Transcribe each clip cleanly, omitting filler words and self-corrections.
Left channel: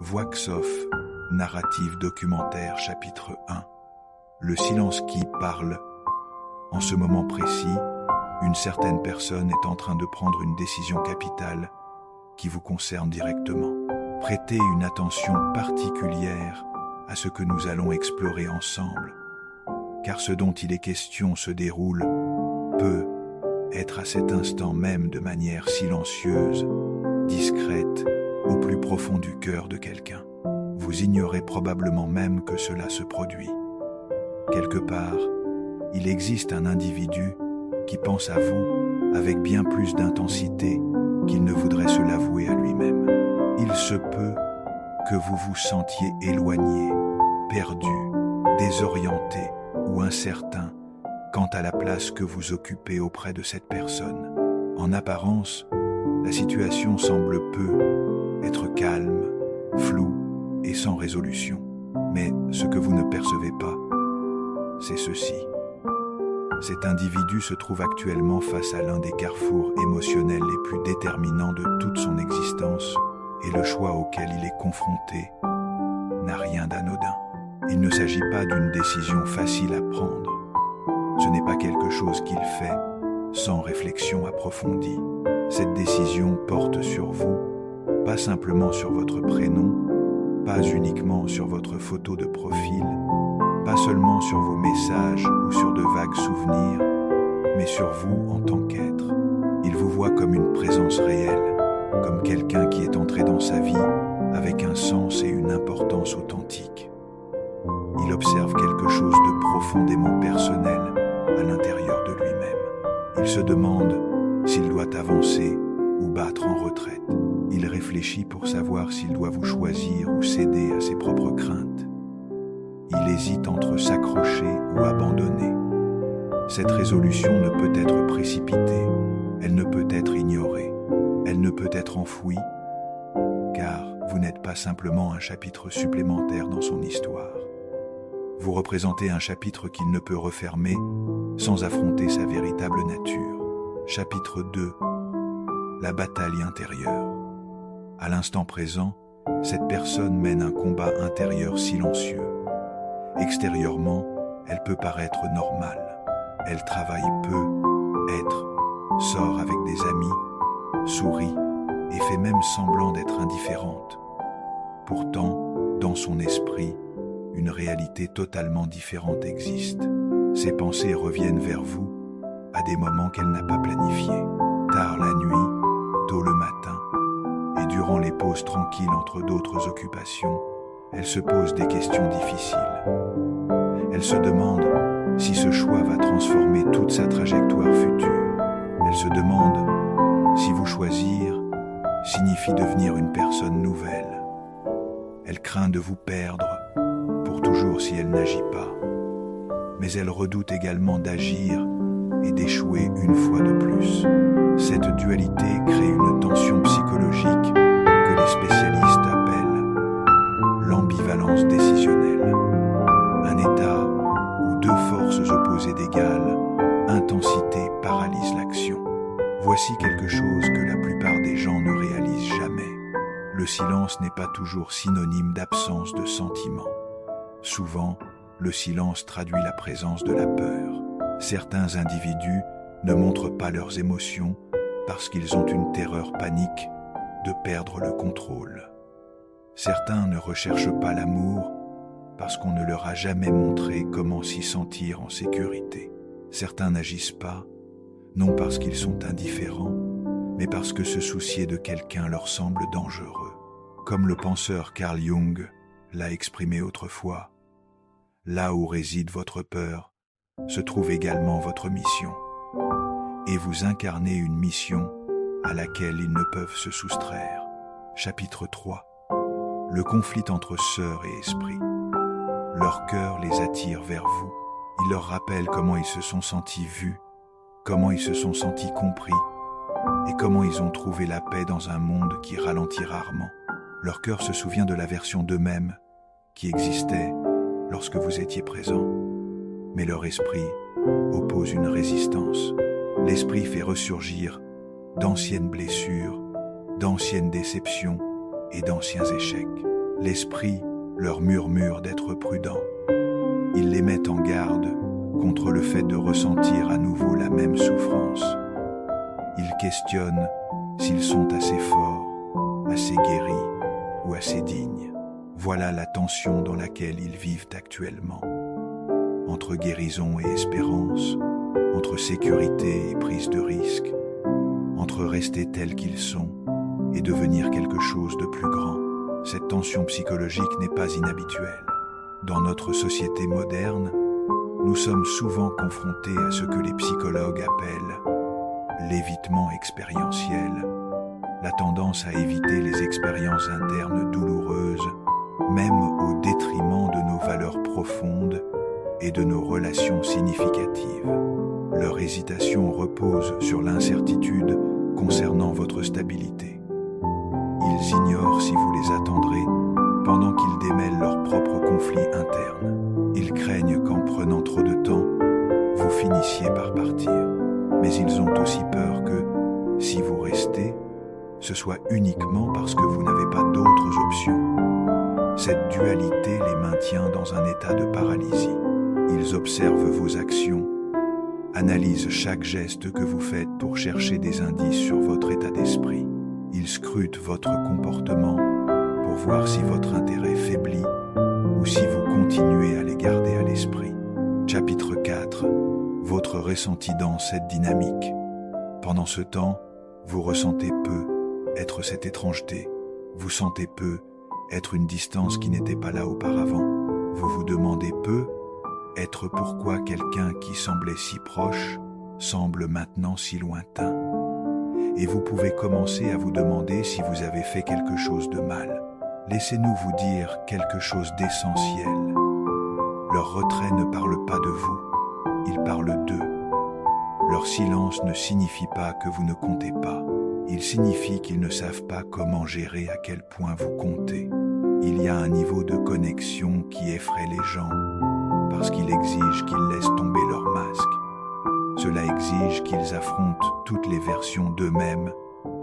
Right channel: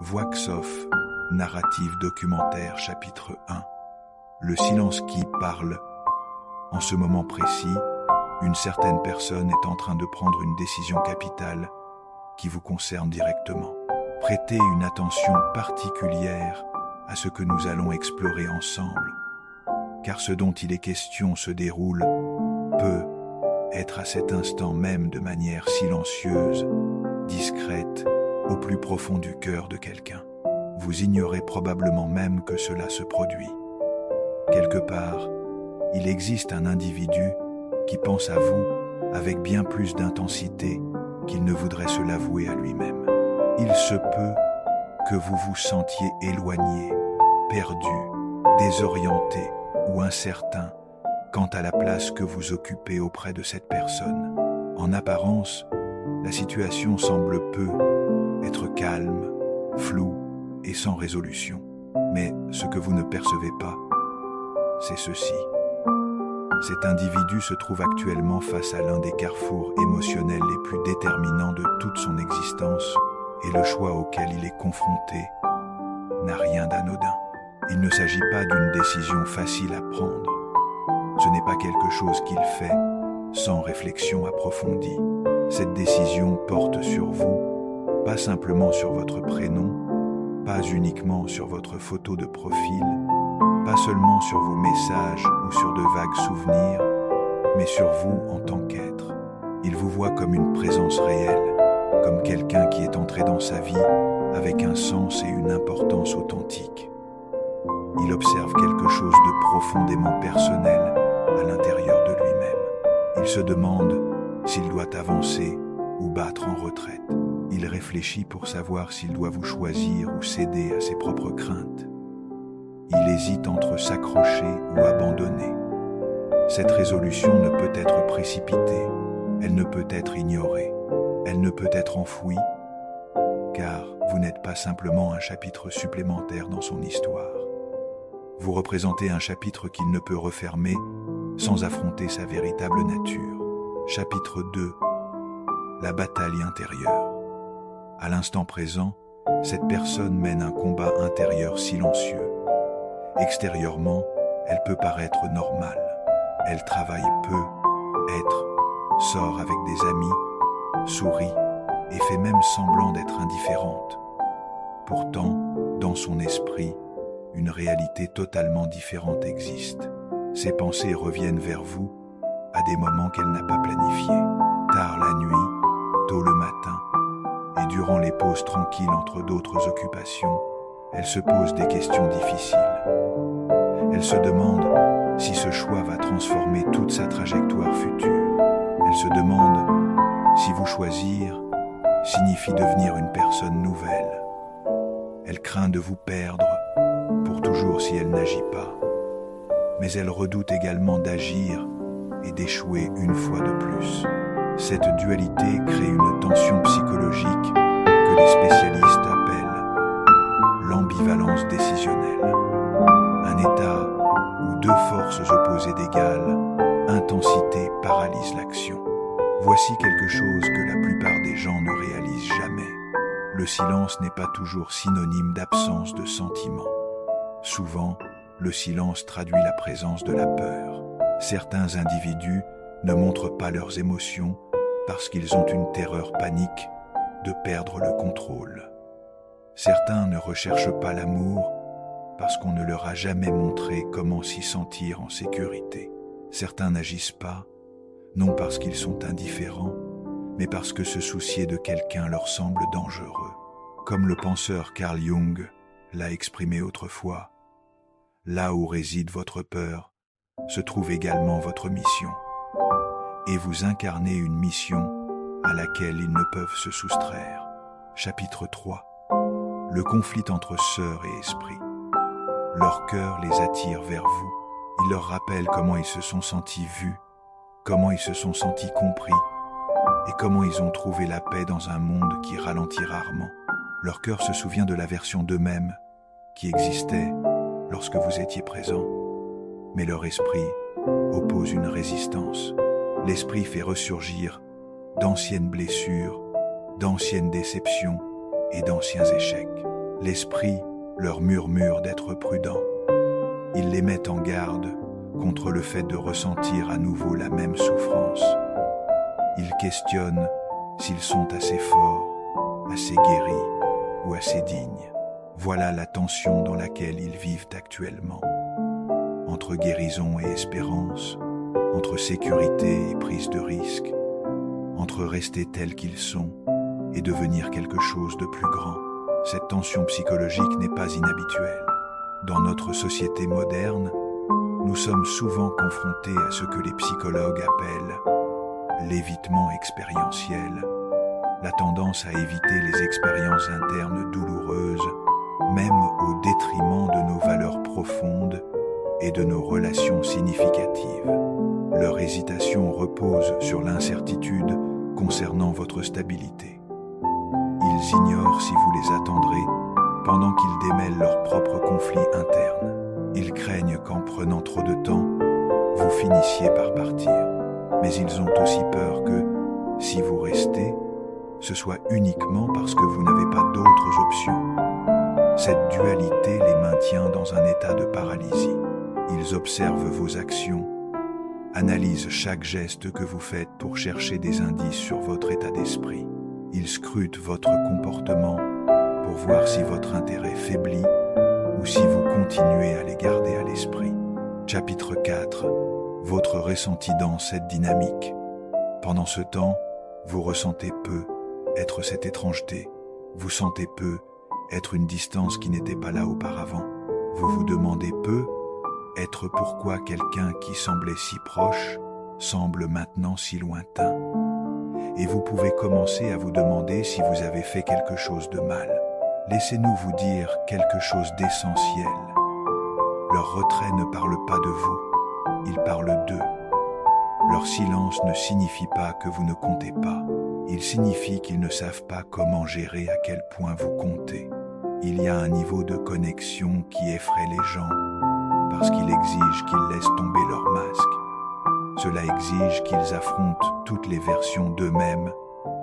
Voix off, narrative documentaire, chapitre 1. Le silence qui parle. En ce moment précis, une certaine personne est en train de prendre une décision capitale qui vous concerne directement. Prêtez une attention particulière à ce que nous allons explorer ensemble, car ce dont il est question se déroule peut être à cet instant même de manière silencieuse, discrète, au plus profond du cœur de quelqu'un. Vous ignorez probablement même que cela se produit. Quelque part, il existe un individu qui pense à vous avec bien plus d'intensité qu'il ne voudrait se l'avouer à lui-même. Il se peut que vous vous sentiez éloigné, perdu, désorienté ou incertain quant à la place que vous occupez auprès de cette personne. En apparence, la situation semble peu être calme, floue et sans résolution. Mais ce que vous ne percevez pas, c'est ceci. Cet individu se trouve actuellement face à l'un des carrefours émotionnels les plus déterminants de toute son existence, et le choix auquel il est confronté n'a rien d'anodin. Il ne s'agit pas d'une décision facile à prendre. Ce n'est pas quelque chose qu'il fait sans réflexion approfondie. Cette décision porte sur vous, pas simplement sur votre prénom, pas uniquement sur votre photo de profil, pas seulement sur vos messages ou sur de vagues souvenirs, mais sur vous en tant qu'être. Il vous voit comme une présence réelle, comme quelqu'un qui est entré dans sa vie avec un sens et une importance authentiques. Il observe quelque chose de profondément personnel à l'intérieur de lui-même. Il se demande s'il doit avancer ou battre en retraite. Il réfléchit pour savoir s'il doit vous choisir ou céder à ses propres craintes. Il hésite entre s'accrocher ou abandonner. Cette résolution ne peut être précipitée, elle ne peut être ignorée, elle ne peut être enfouie, car vous n'êtes pas simplement un chapitre supplémentaire dans son histoire. Vous représentez un chapitre qu'il ne peut refermer sans affronter sa véritable nature. Chapitre 2. La bataille intérieure. À l'instant présent, cette personne mène un combat intérieur silencieux. Extérieurement, elle peut paraître normale. Elle travaille peu, sort avec des amis, sourit et fait même semblant d'être indifférente. Pourtant, dans son esprit, une réalité totalement différente existe. Ses pensées reviennent vers vous à des moments qu'elle n'a pas planifiés. Tard la nuit, tôt le matin, et durant les pauses tranquilles entre d'autres occupations, elle se pose des questions difficiles. Elle se demande si ce choix va transformer toute sa trajectoire future. Elle se demande si vous choisir signifie devenir une personne nouvelle. Elle craint de vous perdre pour toujours si elle n'agit pas. Mais elle redoute également d'agir et d'échouer une fois de plus. Cette dualité crée une tension psychologique que les spécialistes appellent l'ambivalence décisionnelle. Un état où deux forces opposées d'égale intensité paralysent l'action. Voici quelque chose que la plupart des gens ne réalisent jamais. Le silence n'est pas toujours synonyme d'absence de sentiments. Souvent, le silence traduit la présence de la peur. Certains individus ne montrent pas leurs émotions parce qu'ils ont une terreur panique de perdre le contrôle. Certains ne recherchent pas l'amour parce qu'on ne leur a jamais montré comment s'y sentir en sécurité. Certains n'agissent pas, non parce qu'ils sont indifférents, mais parce que se soucier de quelqu'un leur semble dangereux. Comme le penseur Carl Jung l'a exprimé autrefois, là où réside votre peur, se trouve également votre mission. Et vous incarnez une mission à laquelle ils ne peuvent se soustraire. Chapitre 3. Le conflit entre sœurs et esprit. Leur cœur les attire vers vous. Il leur rappelle comment ils se sont sentis vus, comment ils se sont sentis compris, et comment ils ont trouvé la paix dans un monde qui ralentit rarement. Leur cœur se souvient de la version d'eux-mêmes qui existait lorsque vous étiez présent. Mais leur esprit oppose une résistance. L'esprit fait ressurgir d'anciennes blessures d'anciennes déceptions et d'anciens échecs. L'esprit leur murmure d'être prudents. Il les met en garde contre le fait de ressentir à nouveau la même souffrance. Il questionne s'ils sont assez forts, assez guéris ou assez dignes. Voilà la tension dans laquelle ils vivent actuellement. Entre guérison et espérance, entre sécurité et prise de risque, entre rester tels qu'ils sont et devenir quelque chose de plus grand. Cette tension psychologique n'est pas inhabituelle. Dans notre société moderne, nous sommes souvent confrontés à ce que les psychologues appellent l'évitement expérientiel, la tendance à éviter les expériences internes douloureuses, même au détriment de nos valeurs profondes et de nos relations significatives. Leur hésitation repose sur l'incertitude concernant votre stabilité. Ils ignorent si vous les attendrez pendant qu'ils démêlent leurs propres conflits internes. Ils craignent qu'en prenant trop de temps, vous finissiez par partir. Mais ils ont aussi peur que, si vous restez, ce soit uniquement parce que vous n'avez pas d'autres options. Cette dualité les maintient dans un état de paralysie. Ils observent vos actions, analysent chaque geste que vous faites pour chercher des indices sur votre état d'esprit. Ils scrutent votre comportement pour voir si votre intérêt faiblit ou si vous continuez à les garder à l'esprit. Chapitre 4. Votre ressenti dans cette dynamique. Pendant ce temps, vous ressentez peu être cette étrangeté. Vous sentez peu être une distance qui n'était pas là auparavant. Vous vous demandez peu être pourquoi quelqu'un qui semblait si proche semble maintenant si lointain. Et vous pouvez commencer à vous demander si vous avez fait quelque chose de mal. Laissez-nous vous dire quelque chose d'essentiel. Leur retrait ne parle pas de vous, il parle d'eux. Leur silence ne signifie pas que vous ne comptez pas. Il signifie qu'ils ne savent pas comment gérer à quel point vous comptez. Il y a un niveau de connexion qui effraie les gens, parce qu'il exige qu'ils laissent tomber leur masque. Cela exige qu'ils affrontent toutes les versions d'eux-mêmes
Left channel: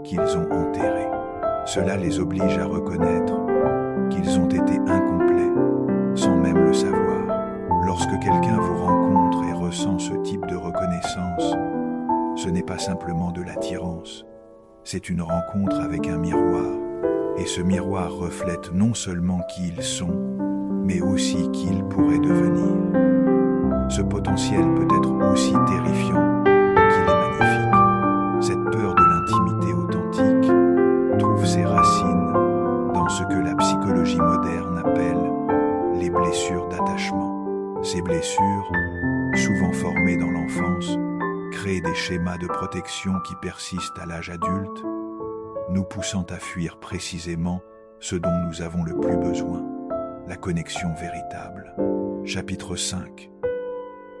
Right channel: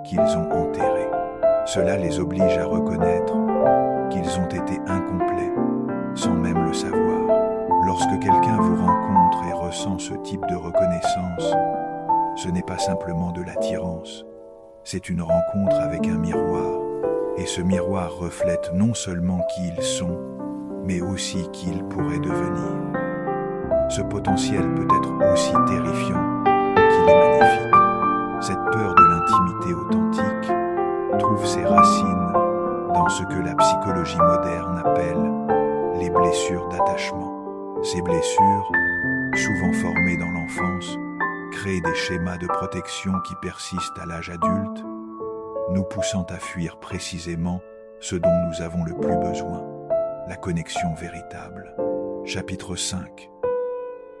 qu'ils ont enterrées. Cela les oblige à reconnaître qu'ils ont été incomplets, sans même le savoir. Lorsque quelqu'un vous rencontre et ressent ce type de reconnaissance, ce n'est pas simplement de l'attirance, c'est une rencontre avec un miroir, et ce miroir reflète non seulement qui ils sont, mais aussi qui ils pourraient devenir. Ce potentiel peut être aussi terrifiant qu'il est magnifique. Cette peur de l'intimité authentique trouve ses racines dans ce que la psychologie moderne appelle les blessures d'attachement. Ces blessures, souvent formées dans l'enfance, créent des schémas de protection qui persistent à l'âge adulte, nous poussant à fuir précisément ce dont nous avons le plus besoin, la connexion véritable. Chapitre 5.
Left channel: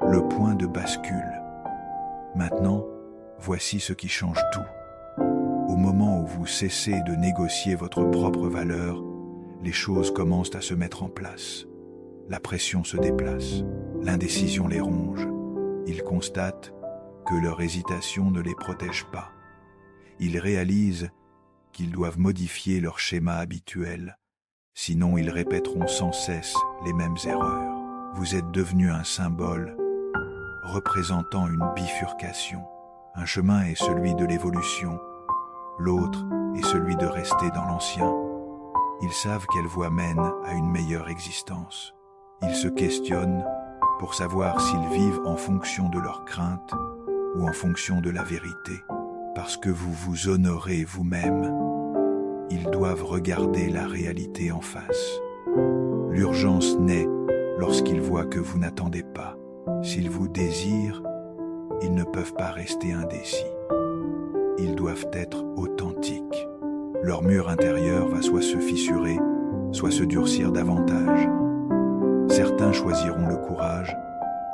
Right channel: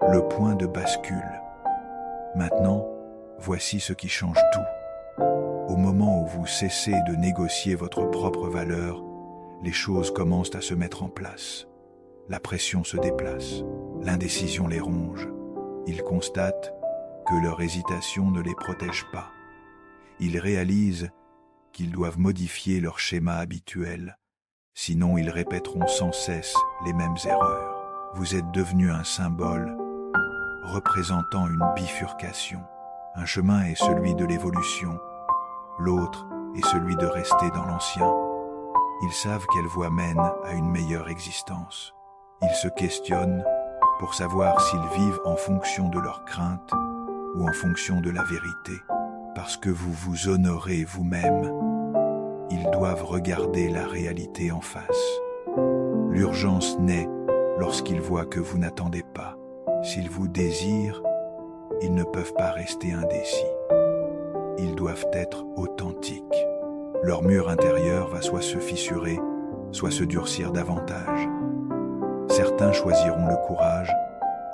Le point de bascule. Maintenant, voici ce qui change tout. Au moment où vous cessez de négocier votre propre valeur, les choses commencent à se mettre en place. La pression se déplace, l'indécision les ronge. Ils constatent que leur hésitation ne les protège pas. Ils réalisent qu'ils doivent modifier leur schéma habituel, sinon ils répéteront sans cesse les mêmes erreurs. Vous êtes devenu un symbole représentant une bifurcation. Un chemin est celui de l'évolution, l'autre est celui de rester dans l'ancien. Ils savent quelle voie mène à une meilleure existence. Ils se questionnent pour savoir s'ils vivent en fonction de leurs craintes ou en fonction de la vérité. Parce que vous vous honorez vous-même, ils doivent regarder la réalité en face. L'urgence naît lorsqu'ils voient que vous n'attendez pas. S'ils vous désirent, ils ne peuvent pas rester indécis. Ils doivent être authentiques. Leur mur intérieur va soit se fissurer, soit se durcir davantage. Certains choisiront le courage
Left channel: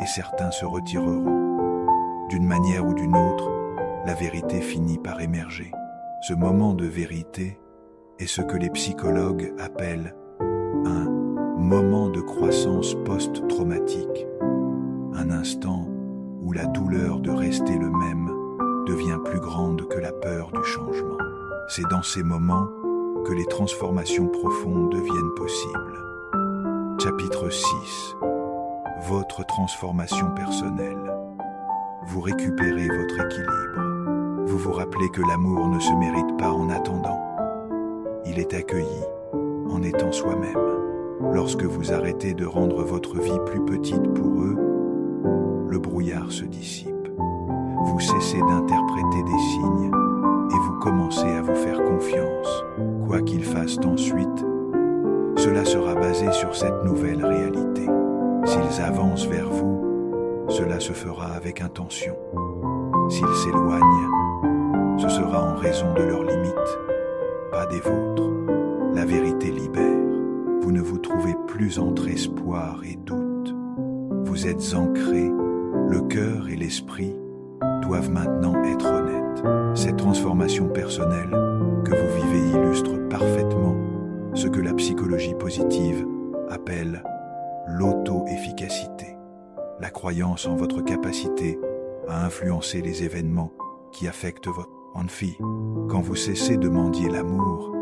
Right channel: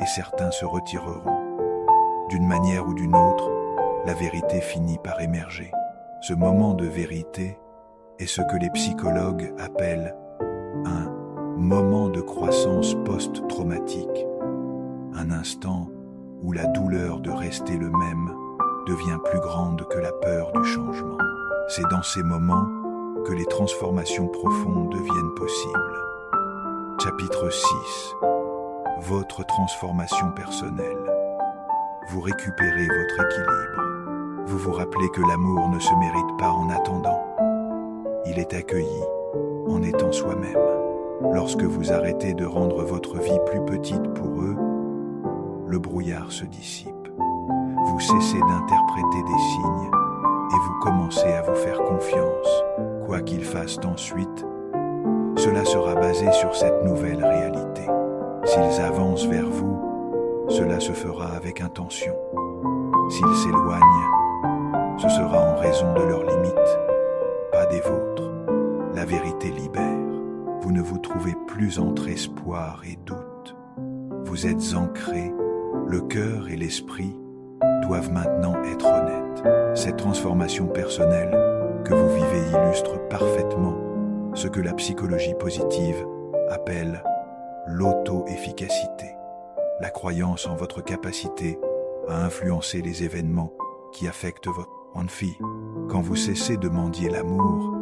et certains se retireront. D'une manière ou d'une autre, la vérité finit par émerger. Ce moment de vérité est ce que les psychologues appellent un moment de croissance post-traumatique, un instant où la douleur de rester le même devient plus grande que la peur du changement. C'est dans ces moments que les transformations profondes deviennent possibles. Chapitre 6. Votre transformation personnelle. Vous récupérez votre équilibre. Vous vous rappelez que l'amour ne se mérite pas en attendant. Il est accueilli en étant soi-même. Lorsque vous arrêtez de rendre votre vie plus petite pour eux, le brouillard se dissipe. Vous cessez d'interpréter des signes et vous commencez à vous faire confiance. Quoi qu'ils fassent ensuite, cela sera basé sur cette nouvelle réalité. S'ils avancent vers vous, cela se fera avec intention. S'ils s'éloignent, ce sera en raison de leurs limites, pas des vôtres. La vérité libère. Vous ne vous trouvez plus entre espoir et doute. Vous êtes ancrés, le cœur et l'esprit doivent maintenant être honnêtes. Cette transformation personnelle que vous vivez illustre parfaitement ce que la psychologie positive appelle l'auto-efficacité, la croyance en votre capacité à influencer les événements qui affectent votre vie. Quand vous cessez de mendier l'amour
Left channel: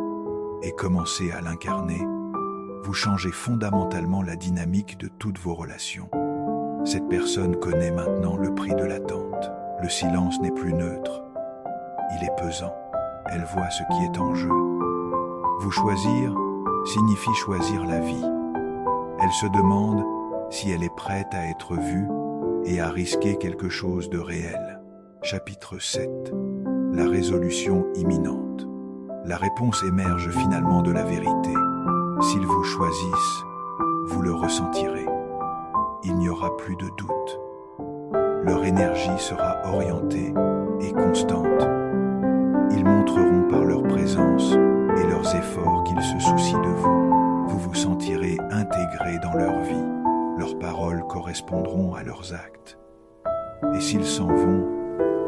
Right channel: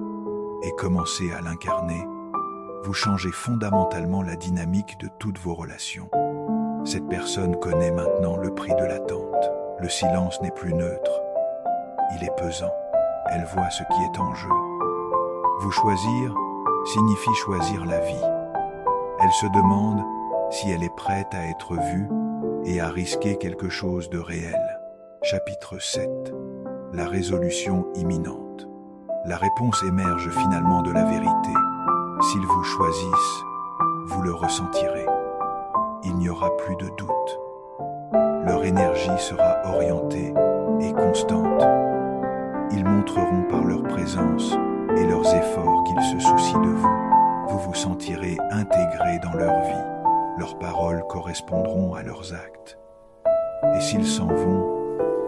et commencez à l'incarner, vous changez fondamentalement la dynamique de toutes vos relations. Cette personne connaît maintenant le prix de l'attente. Le silence n'est plus neutre. Il est pesant. Elle voit ce qui est en jeu. Vous choisir signifie choisir la vie. Elle se demande si elle est prête à être vue et à risquer quelque chose de réel. Chapitre 7. La résolution imminente. La réponse émerge finalement de la vérité. S'ils vous choisissent, vous le ressentirez. Il n'y aura plus de doute. Leur énergie sera orientée et constante. Ils montreront par leur présence et leurs efforts qu'ils se soucient de vous. Vous vous sentirez intégré dans leur vie. Leurs paroles correspondront à leurs actes. Et s'ils s'en vont,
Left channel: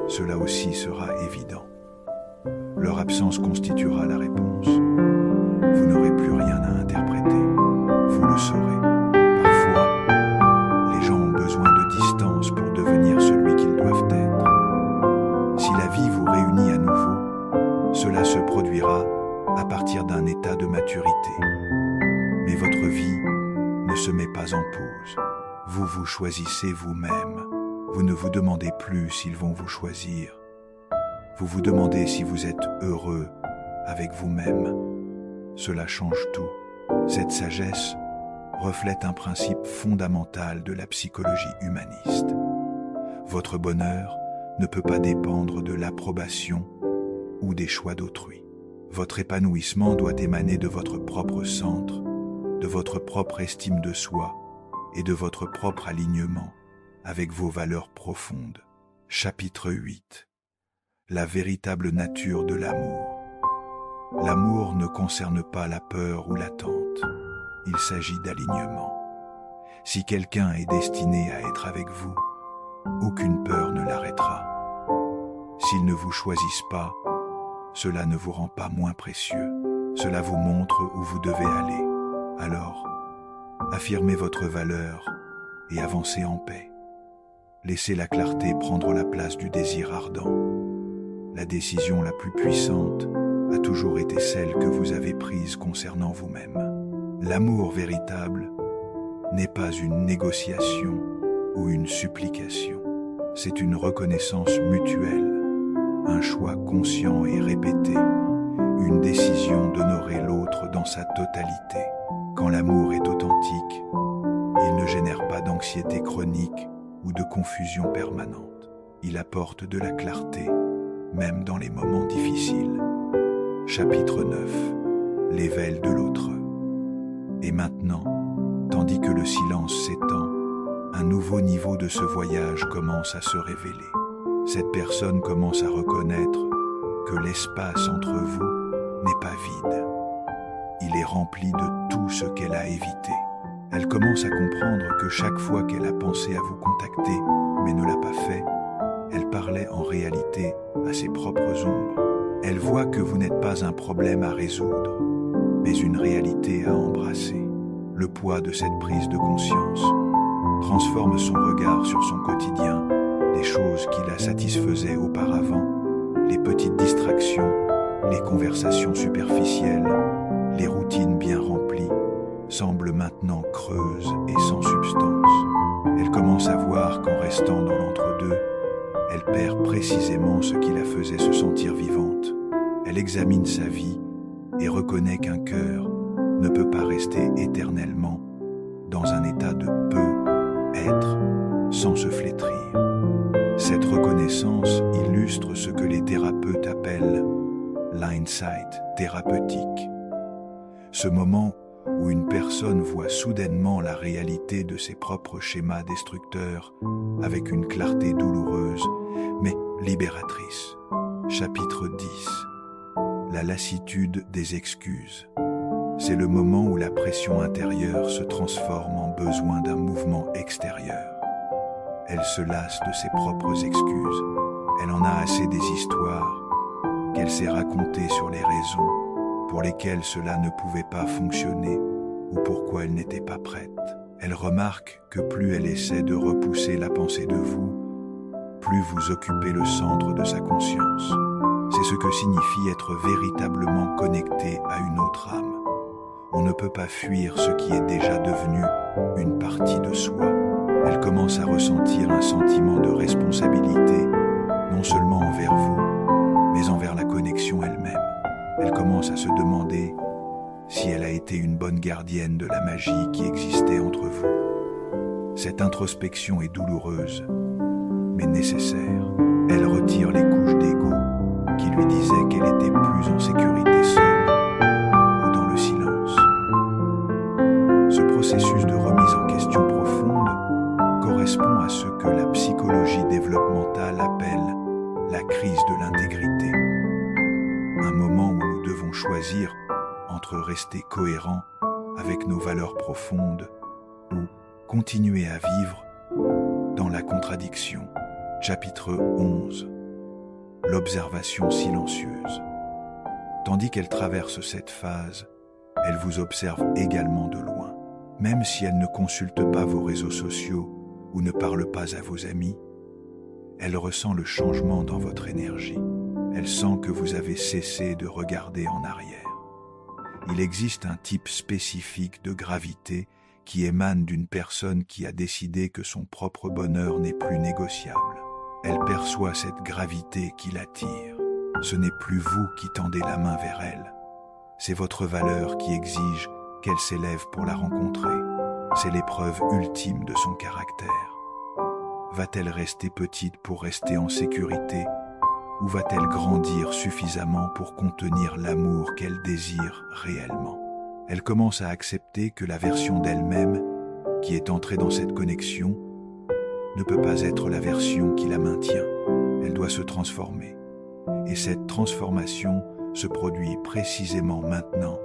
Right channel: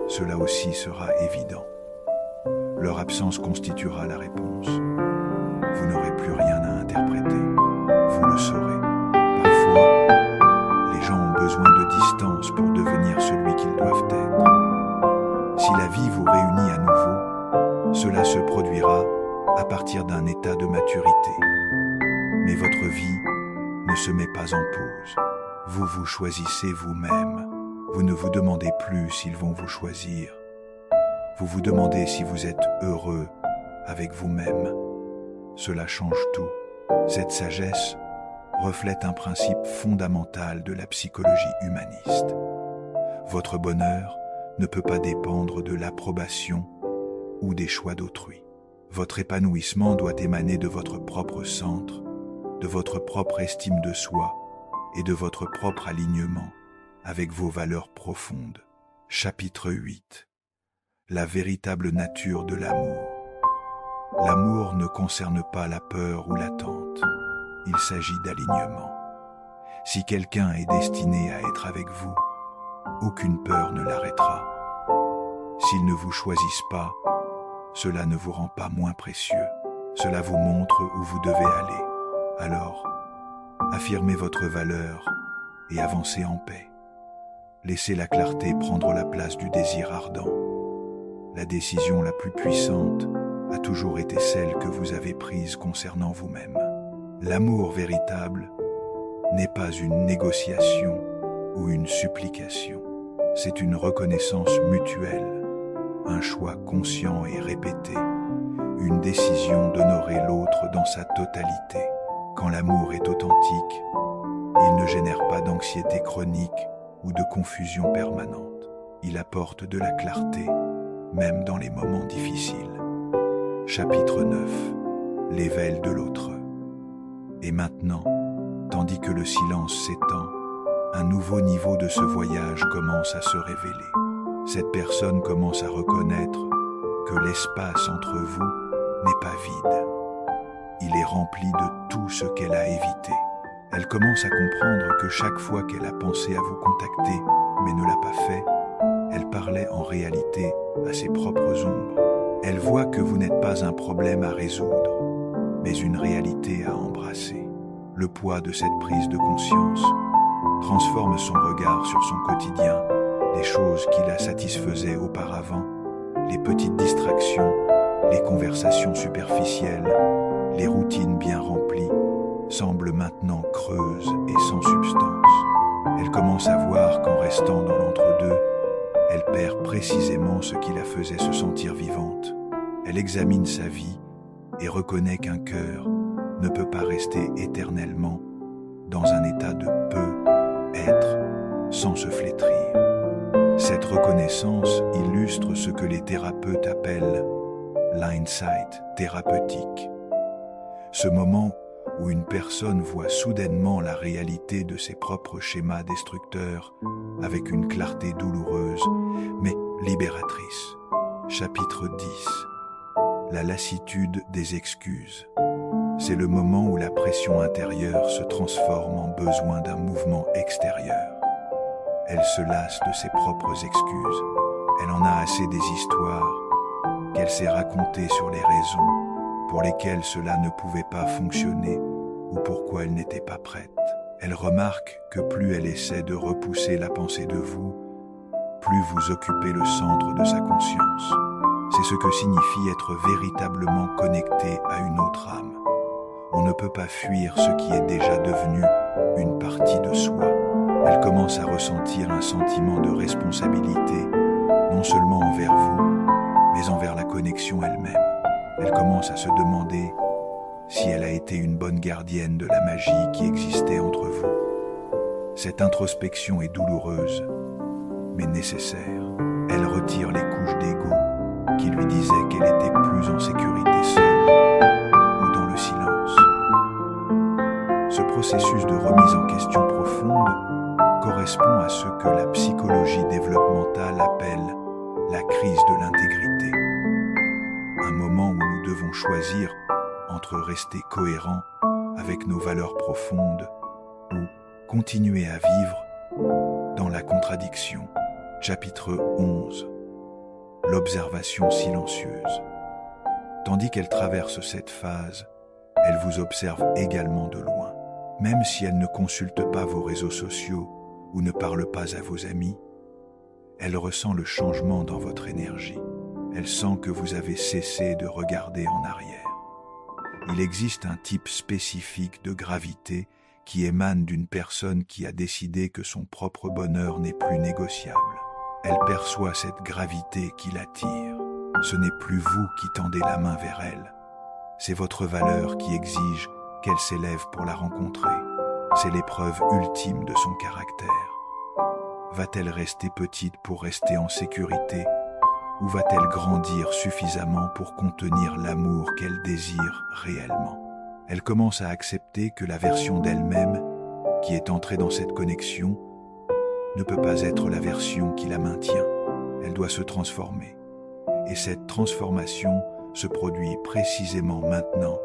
cela aussi sera évident. Leur absence constituera la réponse. Vous n'aurez plus rien à interpréter. Vous le saurez. Parfois, les gens ont besoin de distance pour devenir celui qu'ils doivent être. Si la vie vous réunit à nouveau, cela se produira à partir d'un état de maturité. Mais votre vie ne se met pas en pause. Vous vous choisissez vous-même. Vous ne vous demandez plus s'ils vont vous choisir. Vous vous demandez si vous êtes heureux avec vous-même. Cela change tout. Cette sagesse reflète un principe fondamental de la psychologie humaniste. Votre bonheur ne peut pas dépendre de l'approbation ou des choix d'autrui. Votre épanouissement doit émaner de votre propre centre, de votre propre estime de soi et de votre propre alignement avec vos valeurs profondes. Chapitre 8. La véritable nature de l'amour. L'amour ne concerne pas la peur ou l'attente. Il s'agit d'alignement. Si quelqu'un est destiné à être avec vous, aucune peur ne l'arrêtera. S'ils ne vous choisissent pas, cela ne vous rend pas moins précieux. Cela vous montre où vous devez aller. Alors, affirmez votre valeur et avancez en paix. Laissez la clarté prendre la place du désir ardent. La décision la plus puissante a toujours été celle que vous avez prise concernant vous-même. L'amour véritable n'est pas une négociation ou une supplication. C'est une reconnaissance mutuelle, un choix conscient et répété, une décision d'honorer l'autre dans sa totalité. Quand l'amour est authentique, il ne génère pas d'anxiété chronique ou de confusion permanente. Il apporte de la clarté, même dans les moments difficiles. Chapitre 9. L'éveil de l'autre. Et maintenant, tandis que le silence s'étend, un nouveau niveau de ce voyage commence à se révéler. Cette personne commence à reconnaître que l'espace entre vous n'est pas vide. Il est rempli de tout ce qu'elle a évité. Elle commence à comprendre que chaque fois qu'elle a pensé à vous contacter, mais ne l'a pas fait, elle parlait en réalité à ses propres ombres. Elle voit que vous n'êtes pas un problème à résoudre, mais une réalité à embrasser. Le poids de cette prise de conscience transforme son regard sur son quotidien, les choses qui la satisfaisaient auparavant, les petites distractions Les conversations superficielles, les routines bien remplies, semblent maintenant creuses et sans substance. Elle commence à voir qu'en restant dans l'entre-deux, elle perd précisément ce qui la faisait se sentir vivante. Elle examine sa vie et reconnaît qu'un cœur ne peut pas rester éternellement dans un état de peu-être sans se flétrir. Cette reconnaissance illustre ce que les thérapeutes appellent l'insight thérapeutique. Ce moment où une personne voit soudainement la réalité de ses propres schémas destructeurs avec une clarté douloureuse mais libératrice. Chapitre 10. La lassitude des excuses. C'est le moment où la pression intérieure se transforme en besoin d'un mouvement extérieur. Elle se lasse de ses propres excuses. Elle en a assez des histoires qu'elle s'est racontées sur les raisons pour lesquelles cela ne pouvait pas fonctionner ou pourquoi elle n'était pas prête. Elle remarque que plus elle essaie de repousser la pensée de vous, plus vous occupez le centre de sa conscience. C'est ce que signifie être véritablement connecté à une autre âme. On ne peut pas fuir ce qui est déjà devenu une partie de soi. Elle commence à ressentir un sentiment de responsabilité, non seulement envers vous, mais envers la connexion elle-même. Elle commence à se demander si elle a été une bonne gardienne de la magie qui existait entre vous. Cette introspection est douloureuse, mais nécessaire. Elle retire les couches d'ego qui lui disaient qu'elle était plus en sécurité seule ou dans le silence. Ce processus de remise en question profonde correspond à ce que la psychologie développementale appelle la crise de l'intégrité. Un moment où nous devons choisir entre rester cohérents avec nos valeurs profondes ou continuer à vivre dans la contradiction. Chapitre 11. L'observation silencieuse. Tandis qu'elle traverse cette phase, elle vous observe également de loin. Même si elle ne consulte pas vos réseaux sociaux ou ne parle pas à vos amis, elle ressent le changement dans votre énergie. Elle sent que vous avez cessé de regarder en arrière. Il existe un type spécifique de gravité qui émane d'une personne qui a décidé que son propre bonheur n'est plus négociable. Elle perçoit cette gravité qui l'attire. Ce n'est plus vous qui tendez la main vers elle. C'est votre valeur qui exige qu'elle s'élève pour la rencontrer. C'est l'épreuve ultime de son caractère. Va-t-elle rester petite pour rester en sécurité ou va-t-elle grandir suffisamment pour contenir l'amour qu'elle désire réellement? Elle commence à accepter que la version d'elle-même qui est entrée dans cette connexion ne peut pas être la version qui la maintient. Elle doit se transformer. Et cette transformation se produit précisément maintenant,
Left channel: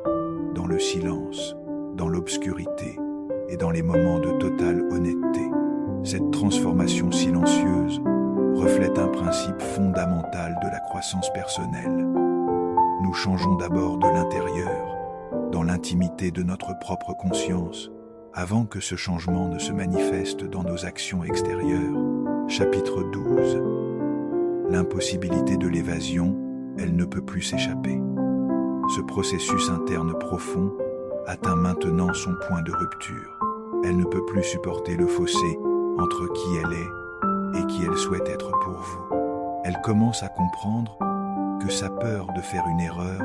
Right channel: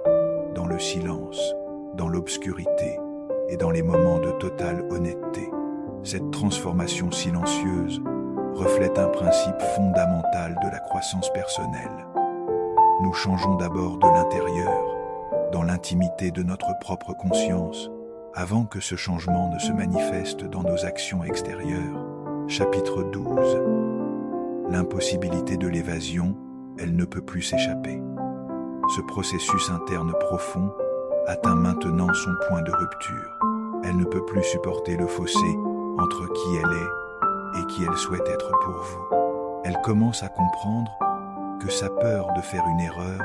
dans le silence, dans l'obscurité et dans les moments de totale honnêteté. Cette transformation silencieuse reflète un principe fondamental de la croissance personnelle. Nous changeons d'abord de l'intérieur, dans l'intimité de notre propre conscience, avant que ce changement ne se manifeste dans nos actions extérieures. Chapitre 12. L'impossibilité de l'évasion, elle ne peut plus s'échapper. Ce processus interne profond atteint maintenant son point de rupture. Elle ne peut plus supporter le fossé entre qui elle est et qui elle souhaite être pour vous. Elle commence à comprendre que sa peur de faire une erreur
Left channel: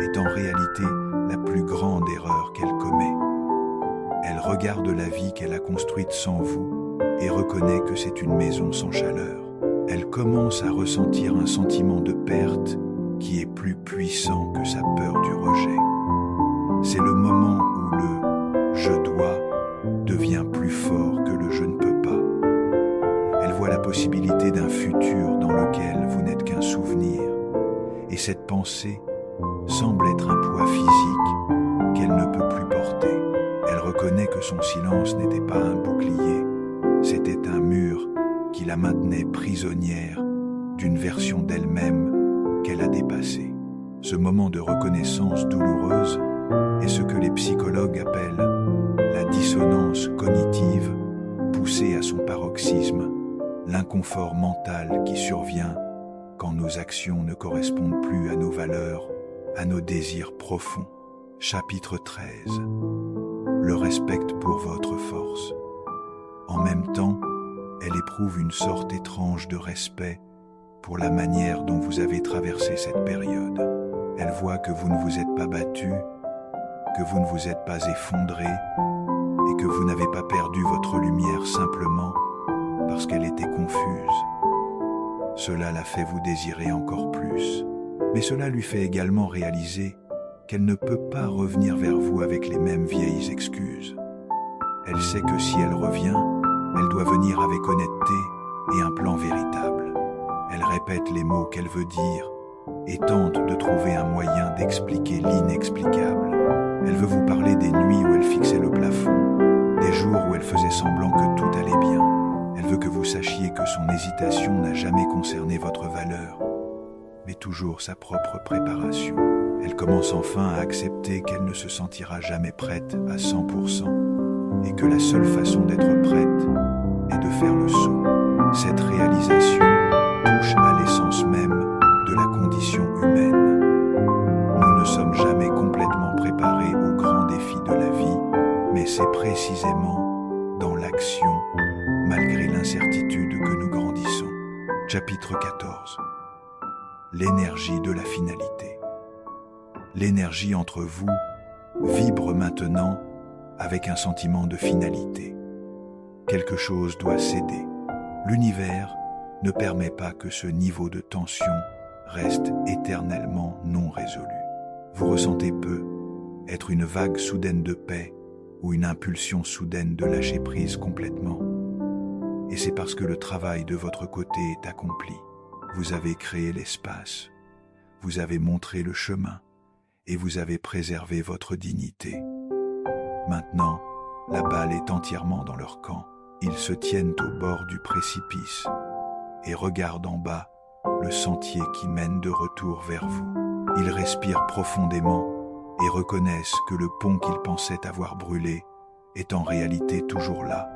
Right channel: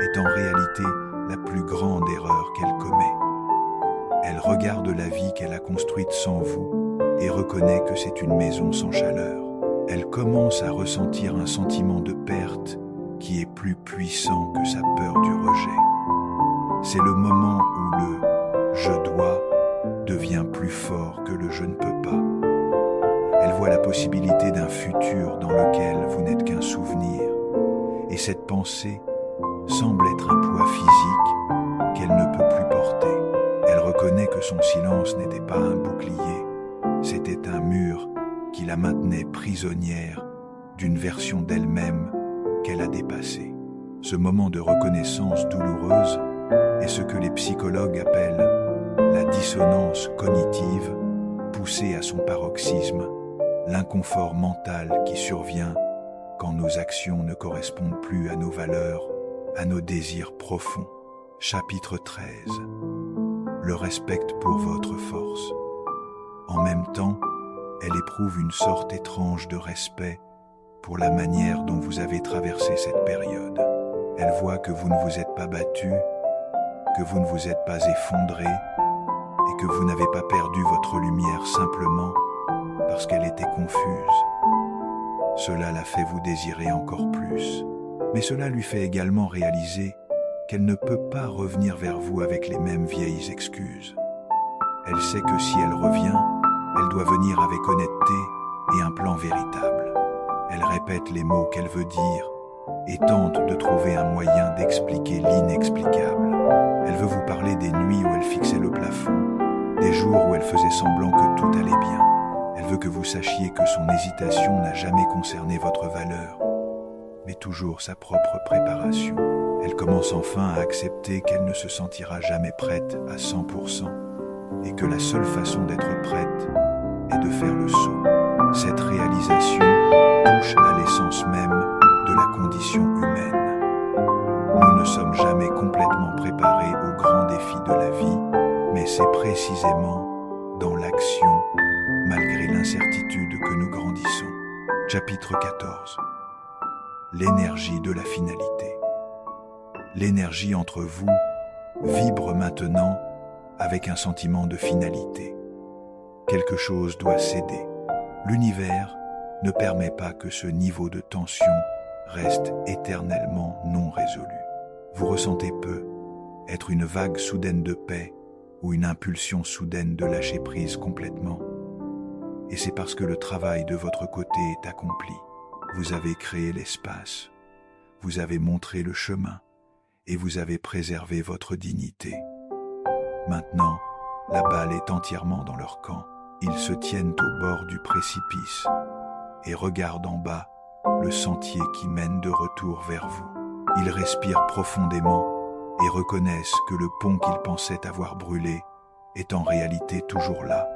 est en réalité la plus grande erreur qu'elle commet. Elle regarde la vie qu'elle a construite sans vous et reconnaît que c'est une maison sans chaleur. Elle commence à ressentir un sentiment de perte qui est plus puissant que sa peur du rejet. C'est le moment où le « je dois » devient plus fort que le « je ne peux pas ». Elle voit la possibilité d'un futur dans lequel vous n'êtes qu'un souvenir, et cette pensée semble être un poids physique qu'elle ne peut plus porter. Elle reconnaît que son silence n'était pas un bouclier, c'était un mur qui la maintenait prisonnière d'une version d'elle-même qu'elle a dépassée. Ce moment de reconnaissance douloureuse est ce que les psychologues appellent la dissonance cognitive poussée à son paroxysme, l'inconfort mental qui survient quand nos actions ne correspondent plus à nos valeurs, à nos désirs profonds. Chapitre 13. Le respecte pour votre force. En même temps, elle éprouve une sorte étrange de respect pour la manière dont vous avez traversé cette période. Elle voit que vous ne vous êtes pas battu, que vous ne vous êtes pas effondré et que vous n'avez pas perdu votre lumière simplement parce qu'elle était confuse. Cela la fait vous désirer encore plus. Mais cela lui fait également réaliser qu'elle ne peut pas revenir vers vous avec les mêmes vieilles excuses. Elle sait que si elle revient, elle doit venir avec honnêteté et un plan véritable. Elle répète les mots qu'elle veut dire et tente de trouver un moyen d'expliquer l'inexplicable. Elle veut vous parler des nuits où elle fixait le plafond, des jours où elle faisait semblant que tout allait bien. Elle veut que vous sachiez que son hésitation n'a jamais concerné votre valeur, mais toujours sa propre préparation. Elle commence enfin à accepter qu'elle ne se sentira jamais prête à 100% et que la seule façon d'être prête est de faire le saut. Cette réalisation touche à l'essence même de la condition humaine. Nous ne sommes jamais complètement préparés aux grands défis de la vie, mais c'est précisément dans l'action, malgré l'incertitude, que nous grandissons. Chapitre 14. L'énergie de la finalité. L'énergie entre vous vibre maintenant avec un sentiment de finalité. Quelque chose doit céder. L'univers ne permet pas que ce niveau de tension reste éternellement non résolu. Vous ressentez peu être une vague soudaine de paix ou une impulsion soudaine de lâcher prise complètement. Et c'est parce que le travail de votre côté est accompli. Vous avez créé l'espace, vous avez montré le chemin et vous avez préservé votre dignité. Maintenant, la balle est entièrement dans leur camp. Ils se tiennent au bord du précipice et regardent en bas le sentier qui mène de retour vers vous. Ils respirent profondément et reconnaissent que le pont qu'ils pensaient avoir brûlé est en réalité toujours là,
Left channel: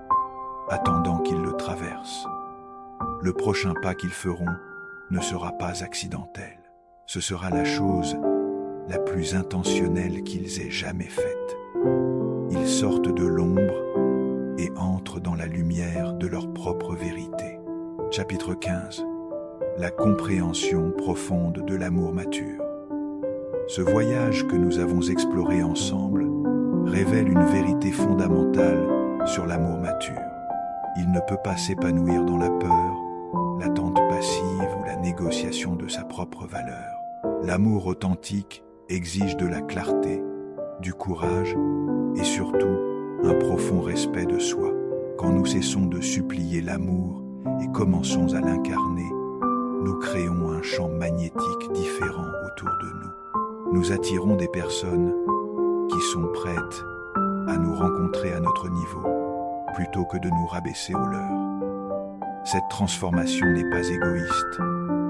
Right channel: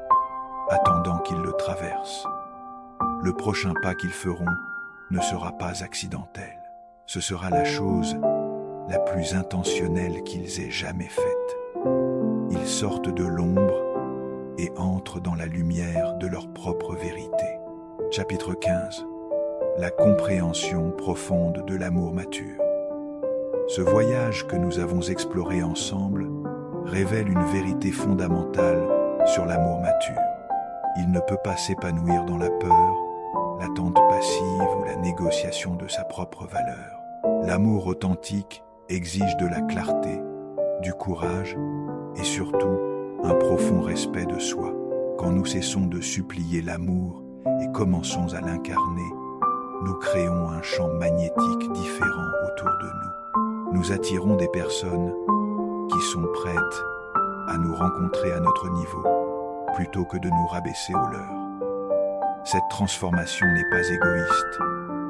attendant qu'ils le traversent. Le prochain pas qu'ils feront ne sera pas accidentel. Ce sera la chose la plus intentionnelle qu'ils aient jamais faite. Ils sortent de l'ombre et entrent dans la lumière de leur propre vérité. Chapitre 15. La compréhension profonde de l'amour mature. Ce voyage que nous avons exploré ensemble révèle une vérité fondamentale sur l'amour mature. Il ne peut pas s'épanouir dans la peur, l'attente passive ou la négociation de sa propre valeur. L'amour authentique exige de la clarté, du courage et surtout un profond respect de soi. Quand nous cessons de supplier l'amour et commençons à l'incarner, nous créons un champ magnétique différent autour de nous. Nous attirons des personnes qui sont prêtes à nous rencontrer à notre niveau, plutôt que de nous rabaisser au leur. Cette transformation n'est pas égoïste,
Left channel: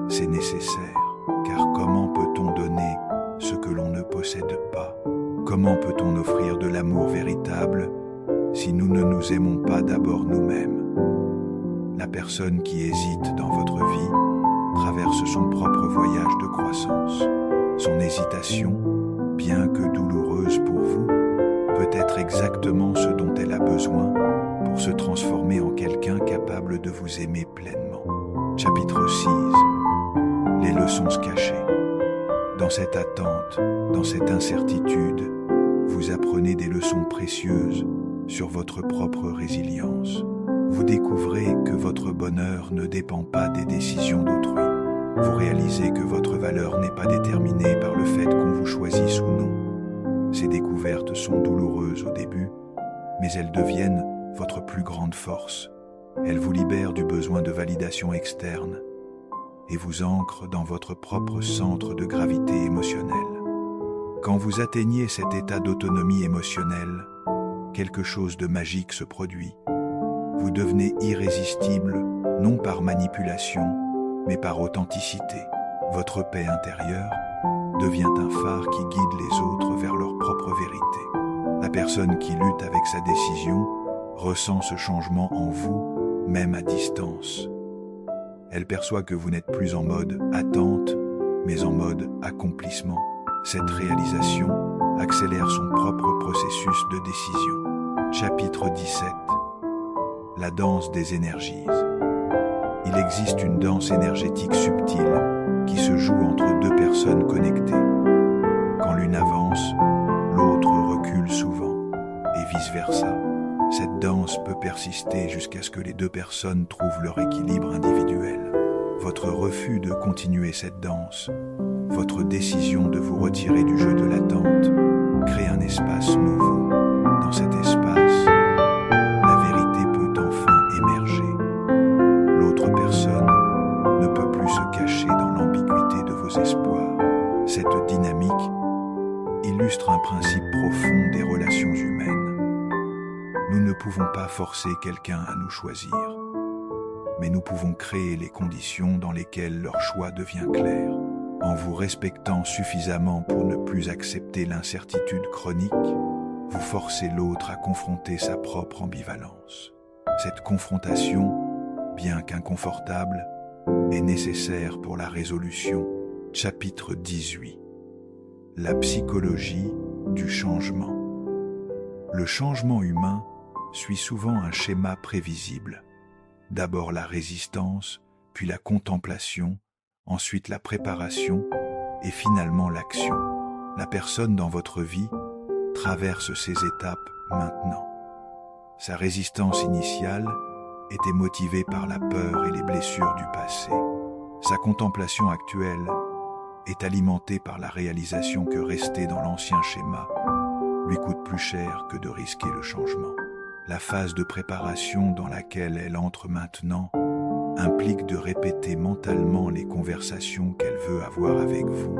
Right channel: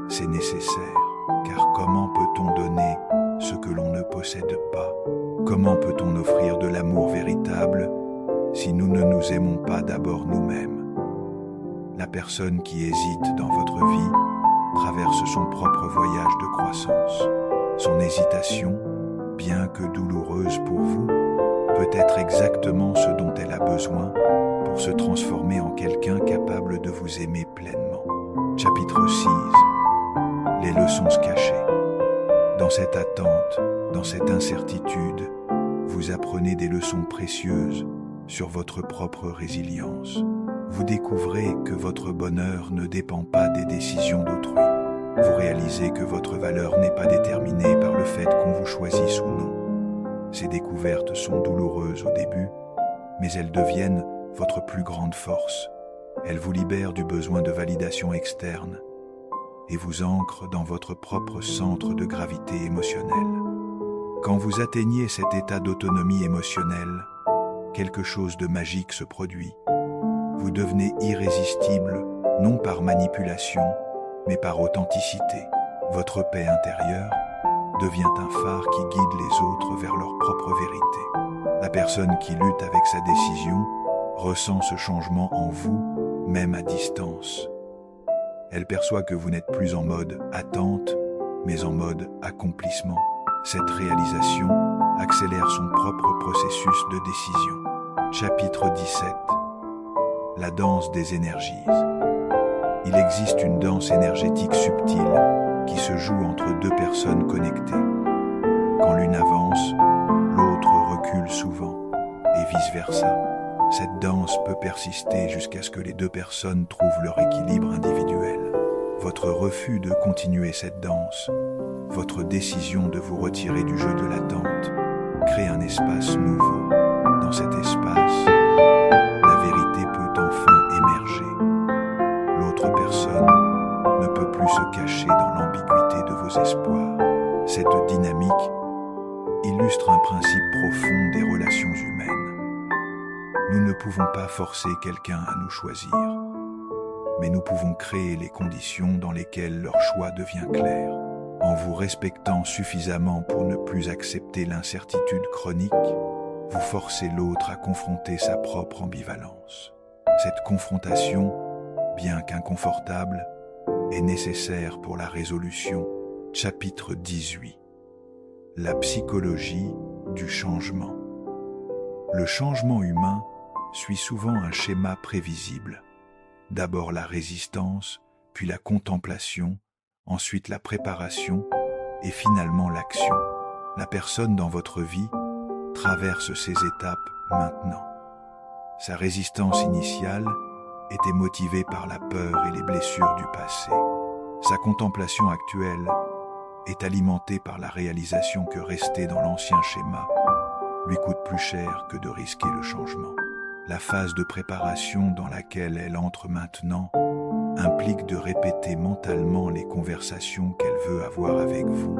c'est nécessaire, car comment peut-on donner ce que l'on ne possède pas? Comment peut-on offrir de l'amour véritable si nous ne nous aimons pas d'abord nous-mêmes? La personne qui hésite dans votre vie traverse son propre voyage de croissance. Son hésitation, bien que douloureuse pour vous, peut être exactement ce dont elle a besoin pour se transformer en quelqu'un capable de vous aimer pleinement. Chapitre 6. Les leçons cachées. Dans cette attente, dans cette incertitude, vous apprenez des leçons précieuses sur votre propre résilience. Vous découvrez que votre bonheur ne dépend pas des décisions d'autrui. Vous réalisez que votre valeur n'est pas déterminée par le fait qu'on vous choisisse ou non. Ces découvertes sont douloureuses au début, mais elles deviennent votre plus grande force. Elles vous libèrent du besoin de validation externe et vous ancrent dans votre propre centre de gravité émotionnelle. Quand vous atteignez cet état d'autonomie émotionnelle, quelque chose de magique se produit. Vous devenez irrésistible, non par manipulation, mais par authenticité. Votre paix intérieure devient un phare qui guide les autres vers leur propre vérité. La personne qui lutte avec sa décision ressent ce changement en vous, même à distance. Elle perçoit que vous n'êtes plus en mode attente, mais en mode accomplissement. Cette réalisation accélère son propre processus de décision. Chapitre 17. La danse des énergies. Il existe une danse énergétique subtile qui se joue entre deux personnes connectées. Quand l'une avance, l'autre recule souvent, et vice-versa. Cette danse peut persister jusqu'à ce que les deux personnes trouvent leur équilibre individuel. Votre refus de continuer cette danse, votre décision de vous retirer du jeu de l'attente, crée un espace nouveau. Dans cet espace, la vérité peut enfin émerger. L'autre personne ne peut plus se cacher dans l'ambiguïté de vos espoirs. Cette dynamique illustre un principe profond des relations humaines. Nous ne pouvons pas forcer quelqu'un à nous choisir, mais nous pouvons créer les conditions dans lesquelles leur choix devient clair. En vous respectant suffisamment pour ne plus accepter l'incertitude chronique, vous forcez l'autre à confronter sa propre ambivalence. Cette confrontation, bien qu'inconfortable, est nécessaire pour la résolution. Chapitre 18. La psychologie du changement. Le changement humain suit souvent un schéma prévisible. D'abord la résistance, puis la contemplation, ensuite la préparation et finalement l'action. La personne dans votre vie traverse ces étapes maintenant. Sa résistance initiale était motivée par la peur et les blessures du passé. Sa contemplation actuelle est alimentée par la réalisation que rester dans l'ancien schéma lui coûte plus cher que de risquer le changement. La phase de préparation dans laquelle elle entre maintenant implique de répéter mentalement les conversations qu'elle veut avoir avec vous,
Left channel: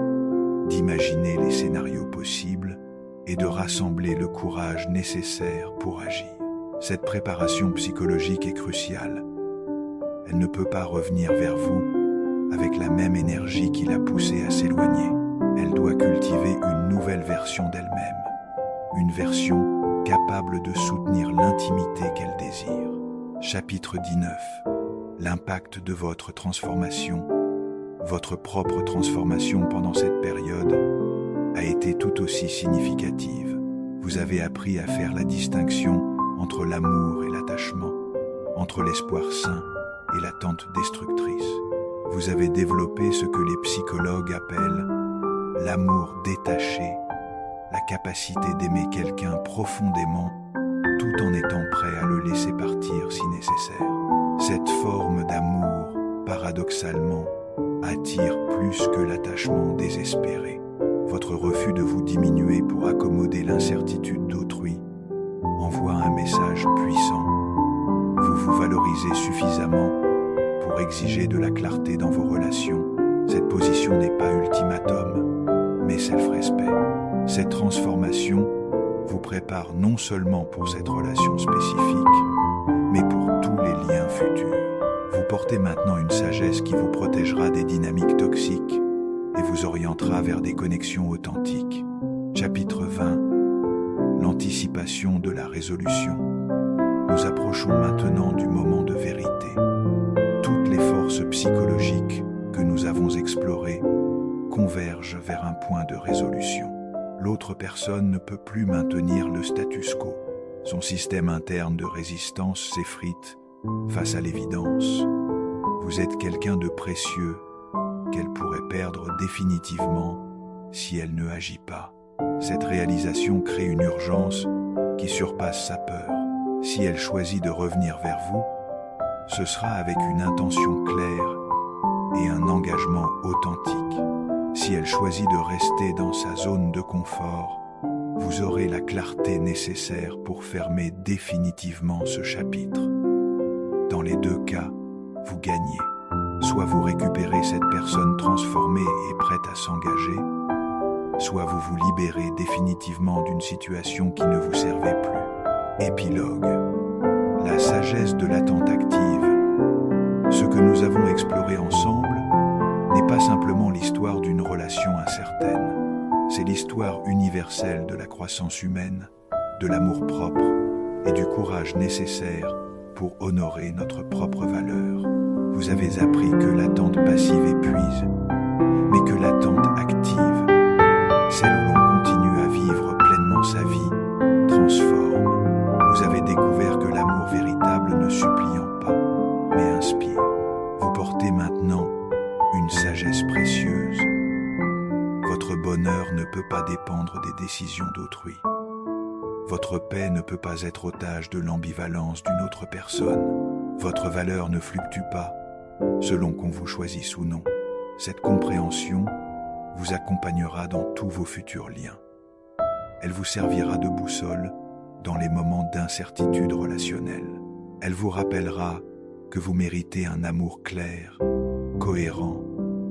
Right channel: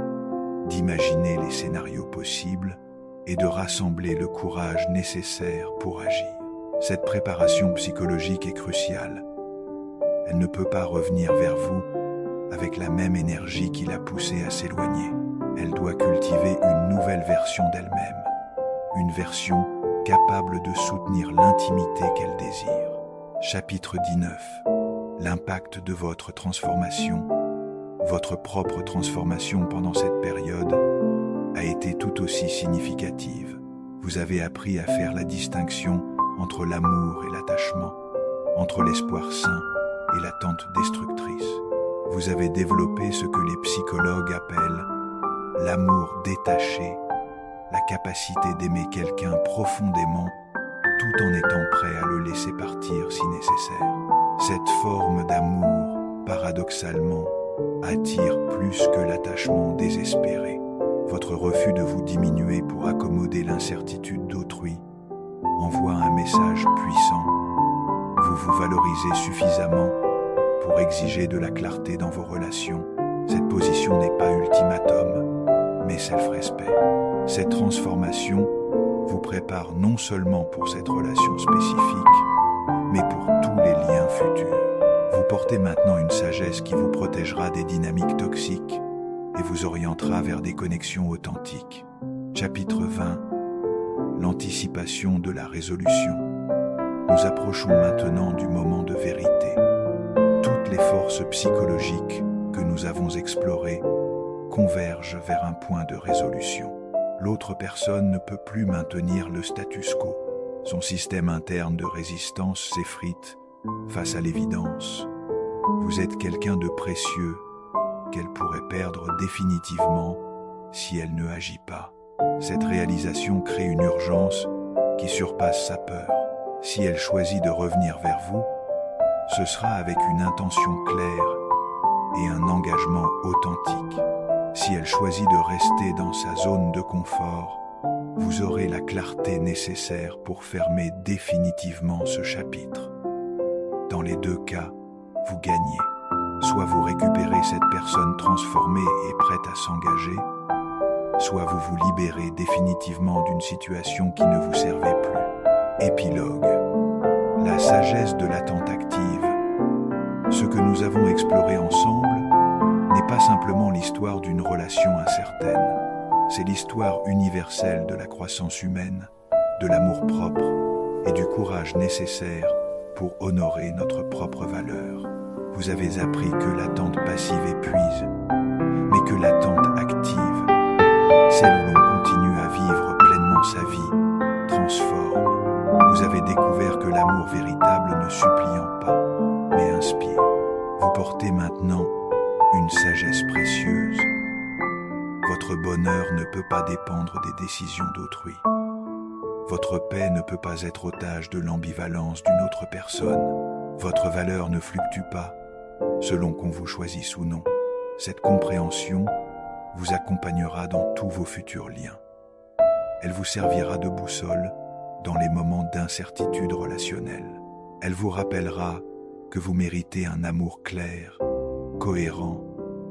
d'imaginer les scénarios possibles et de rassembler le courage nécessaire pour agir. Cette préparation psychologique est cruciale. Elle ne peut pas revenir vers vous avec la même énergie qui l'a poussée à s'éloigner. Elle doit cultiver une nouvelle version d'elle-même, une version capable de soutenir l'intimité qu'elle désire. Chapitre 19. L'impact de votre transformation. Votre propre transformation pendant cette période a été tout aussi significative. Vous avez appris à faire la distinction entre l'amour et l'attachement, entre l'espoir sain et l'attente destructrice. Vous avez développé ce que les psychologues appellent l'amour détaché, la capacité d'aimer quelqu'un profondément tout en étant prêt à le laisser partir si nécessaire. Cette forme d'amour, paradoxalement, attire plus que l'attachement désespéré. Votre refus de vous diminuer pour accommoder l'incertitude d'autrui envoie un message puissant. Vous vous valorisez suffisamment pour exiger de la clarté dans vos relations. Cette position n'est pas ultimatum, mais self-respect. Cette transformation vous prépare non seulement pour cette relation spécifique, mais pour tous les liens futurs. Vous portez maintenant une sagesse qui vous protégera des dynamiques toxiques et vous orientera vers des connexions authentiques. Chapitre 20. L'anticipation de la résolution. Nous approchons maintenant du moment de vérité. Toutes les forces psychologiques que nous avons explorées convergent vers un point de résolution. L'autre personne ne peut plus maintenir le status quo. Son système interne de résistance s'effrite face à l'évidence. Vous êtes quelqu'un de précieux qu'elle pourrait perdre définitivement si elle ne agit pas. Cette réalisation crée une urgence qui surpasse sa peur. Si elle choisit de revenir vers vous, ce sera avec une intention claire et un engagement authentique. Si elle choisit de rester dans sa zone de confort, vous aurez la clarté nécessaire pour fermer définitivement ce chapitre. Dans les deux cas, vous gagnez. Soit vous récupérez cette personne transformée et prête à s'engager, soit vous vous libérez définitivement d'une situation qui ne vous servait plus. Épilogue. La sagesse de l'attente active. Ce que nous avons exploré ensemble n'est pas simplement l'histoire d'une relation incertaine. C'est l'histoire universelle de la croissance humaine, de l'amour-propre et du courage nécessaire pour honorer notre propre valeur. Vous avez appris que l'attente passive épuise, mais que l'attente active, celle où l'on continue à vivre pleinement sa vie, transforme. Vous avez découvert que l'amour véritable ne suppliant pas, mais inspire. Vous portez maintenant une sagesse précieuse. Votre bonheur ne peut pas dépendre des décisions d'autrui. Votre paix ne peut pas être otage de l'ambivalence d'une autre personne. Votre valeur ne fluctue pas, selon qu'on vous choisisse ou non. Cette compréhension vous accompagnera dans tous vos futurs liens. Elle vous servira de boussole dans les moments d'incertitude relationnelle. Elle vous rappellera que vous méritez un amour clair, cohérent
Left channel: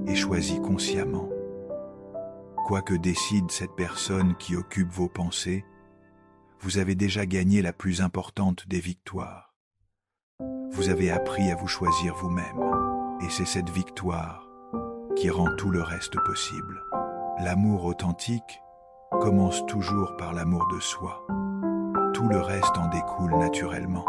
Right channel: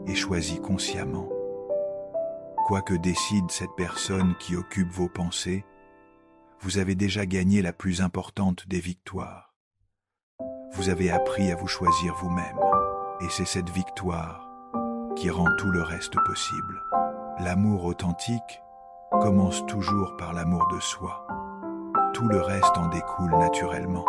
et choisi consciemment. Quoi que décide cette personne qui occupe vos pensées, vous avez déjà gagné la plus importante des victoires. Vous avez appris à vous choisir vous-même, et c'est cette victoire qui rend tout le reste possible. L'amour authentique commence toujours par l'amour de soi. Tout le reste en découle naturellement.